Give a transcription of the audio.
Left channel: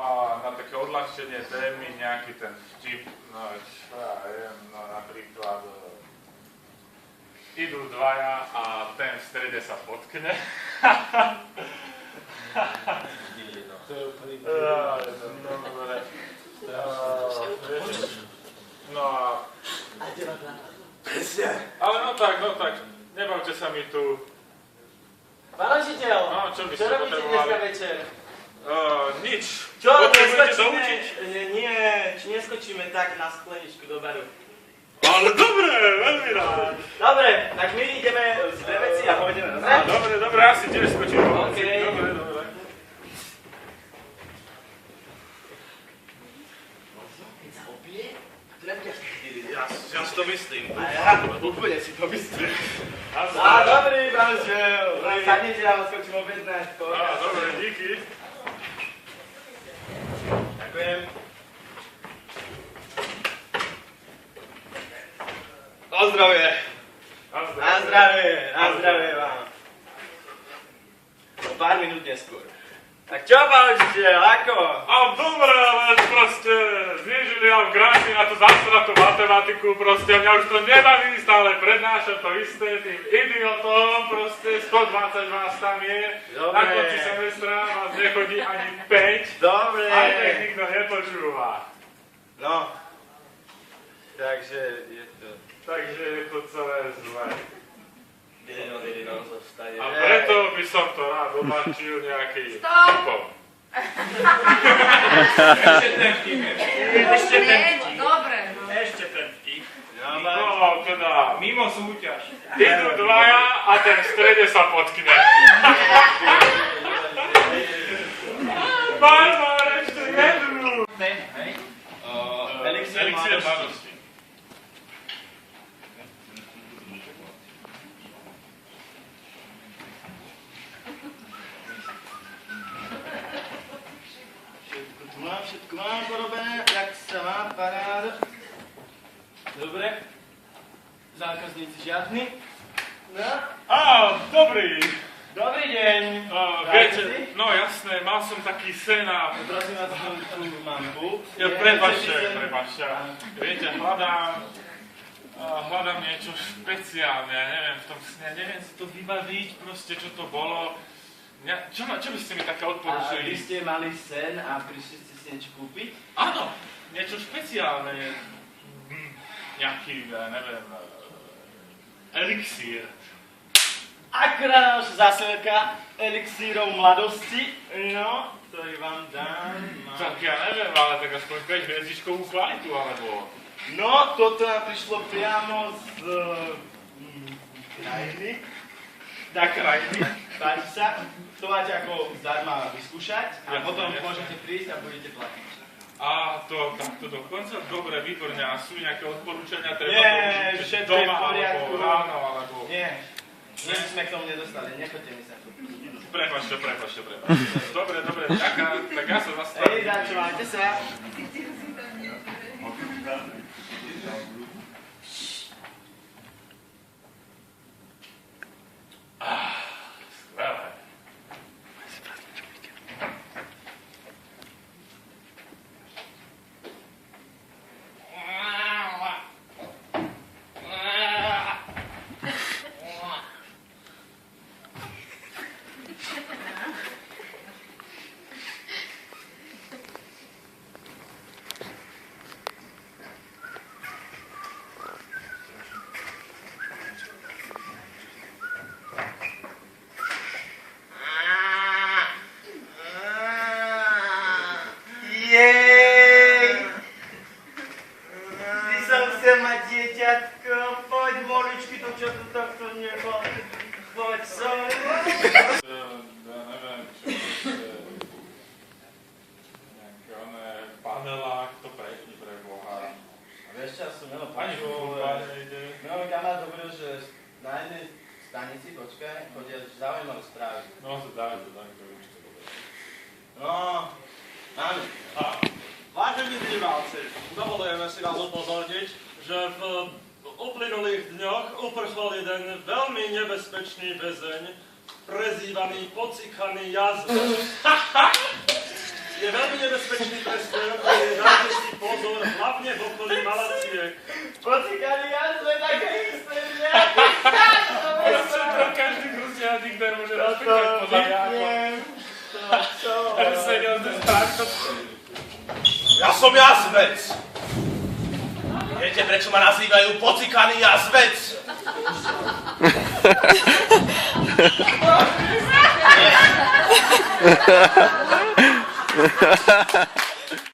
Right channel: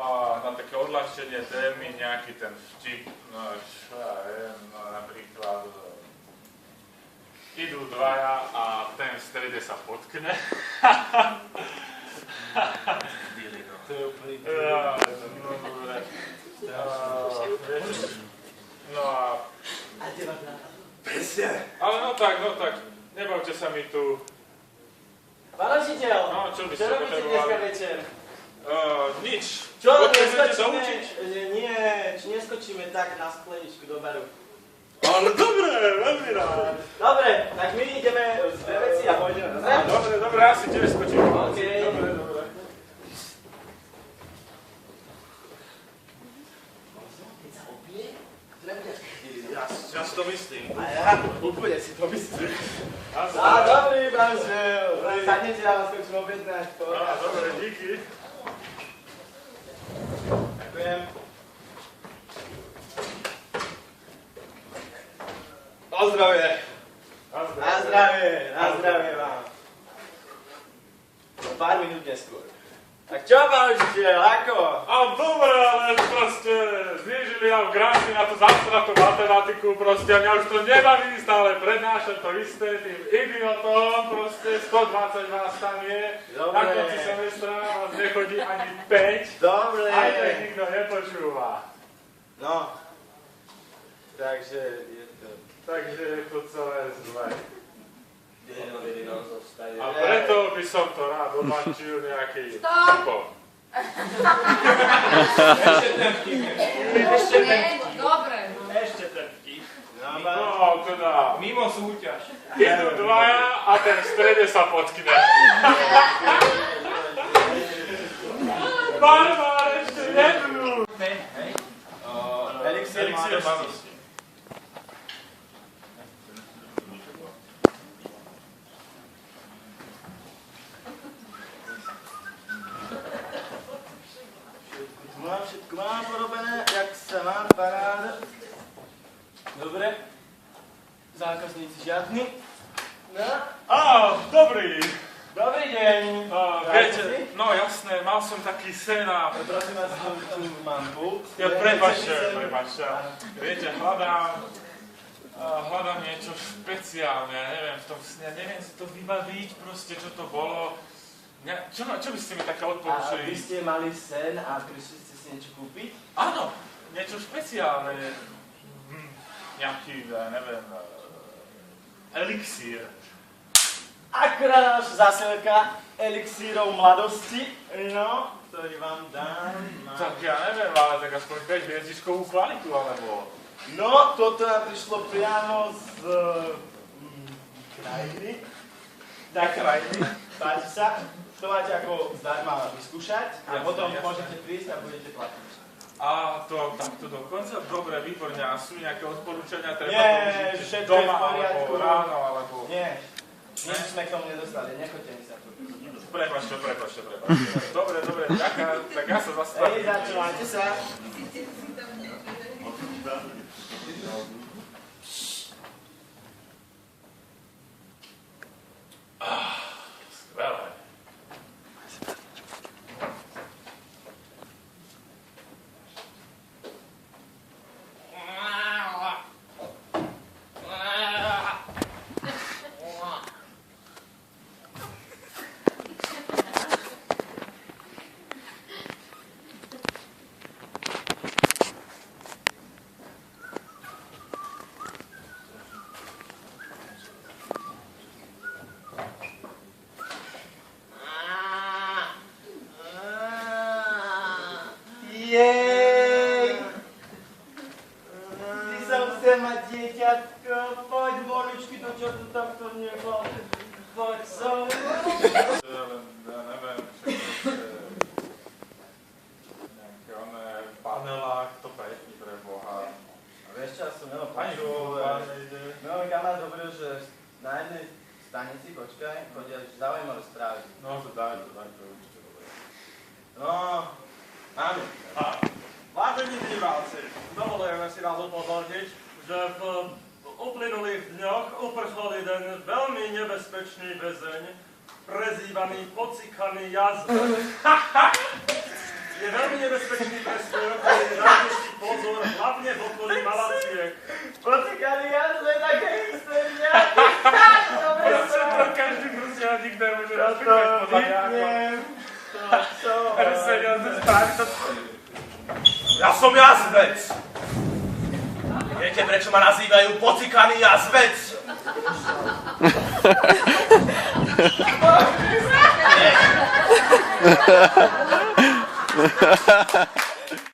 Na také odľahčenie témy nejaký ten vtip, no čo ja viem, no napríklad idú dvaja a ten v strede sa potkne. To je úplný no a... Ale no tak, nebavte sa mi tu. Pán učiteľ, No, čo by čo ste robíte dneska potrebovali? večer? Nič. Čo, Potrebujete neskočíme? doučiť? Nie, či neskočíme tak na skleničku do baru. Ale dobre, veľmi rád. Dobre, tak my ideme z dve veci a pôjdeme, dobre? Dobre, asi tiež skočím. OK. Dobre. Keď sa opije, to nebude až Ja si to myslím. A ja úplne si to myslím. A Dobrý, manžel. Sadnite, ja vás skočím objednať. dobre, díky. Ďakujem. Na zdravie. Na zdravie vám. O pár minút neskôr. Tak čo, pán učiteľ, ako? A dobre, ale proste znížili nám granty na tú zasratú matematiku, proste a mňa už to nebaví, stále prednášam to isté tým idiotom, proste 120 vás tam je, Dobre. Na konci semestra vás nechodí ani 5, Dobre. aj tak nikto nepočúva. No. Takže je to... Takže je to celé zlé. Dedino zostane. A preto by som to rád omačil nejaký Stop! typom. Ešte ten vtip. Dobre, no. Ešte ten vtip. No, teda, Mimo súťaž. idú dvaja a ten v strede sa potkne. Barbar, ešte jednu. Hej? Elixír mladosti. Všetko mám porobené, jak sa má, paráda. Dobre. Zákazníci žiadni. No. Dobrý. Dobrý deň. Viete, no jasné, mal som taký sen a... Prosím vás, tu mám pult. Prepáčte. Viete, hľadám niečo špeciálne, ja neviem, v tom sne, neviem si to vybaviť, proste, čo to bolo. Čo by ste mi také A odporúčili? vy ste mali sen a prišli ste si niečo kúpiť? Áno, niečo špeciálne. Nejaký, neviem, elixír. Akurát naša zásielka elixírov mladosti, no, ktorý vám dám. Tak ja neviem, ale tak aspoň 5 hviezdičkovú kvalitu, alebo... No, toto nám prišlo priamo z krajiny. Páči sa. To máte ako zdarma vyskúšať a potom môžete prísť a budete platiť. A to takto dokonca? Dobre, výborne. A sú nejaké odporúčania? Treba Nie, to užiť všetko je v doma, poriadku. alebo ráno, alebo... Nie, nič sme k tomu nedostali, nechoďte mi sa tu. Prepáčte. Dobre, ďakujem. Tak ja sa zastavím. Hej, začúvajte sa. Skvelé. Jej! Ty som chcel mať dieťatko, poď moličky, to čo tu takto nebol. Poď som. Ja neviem, či nejaké panelách, to prečni pre Boha. A vieš čo, som Melo Ani počul, nejde. Melo kamarát hovoril, že na jednej stanici, počkaj, chodia zaujímavé správy. No, daj to určite dobre. No, áno. Vážení diváci, dovolujeme si vás upozorniť, že v uplynulých dňoch uprchol jeden veľmi nebezpečný väzeň, prezývaný Pocikaný jazva. Je je veľmi nebezpečný pre stojokoli, dajte si pozor, hlavne v okolí Malaciek. Pocikania sme také isté, že? Proste to každý Rusian nikde môže rozpýtať podľa mňa ako... Čo? Seriózne správy to... Ja som jazvec. Viete, prečo ma nazývajú pocikaný jazvec? Nie.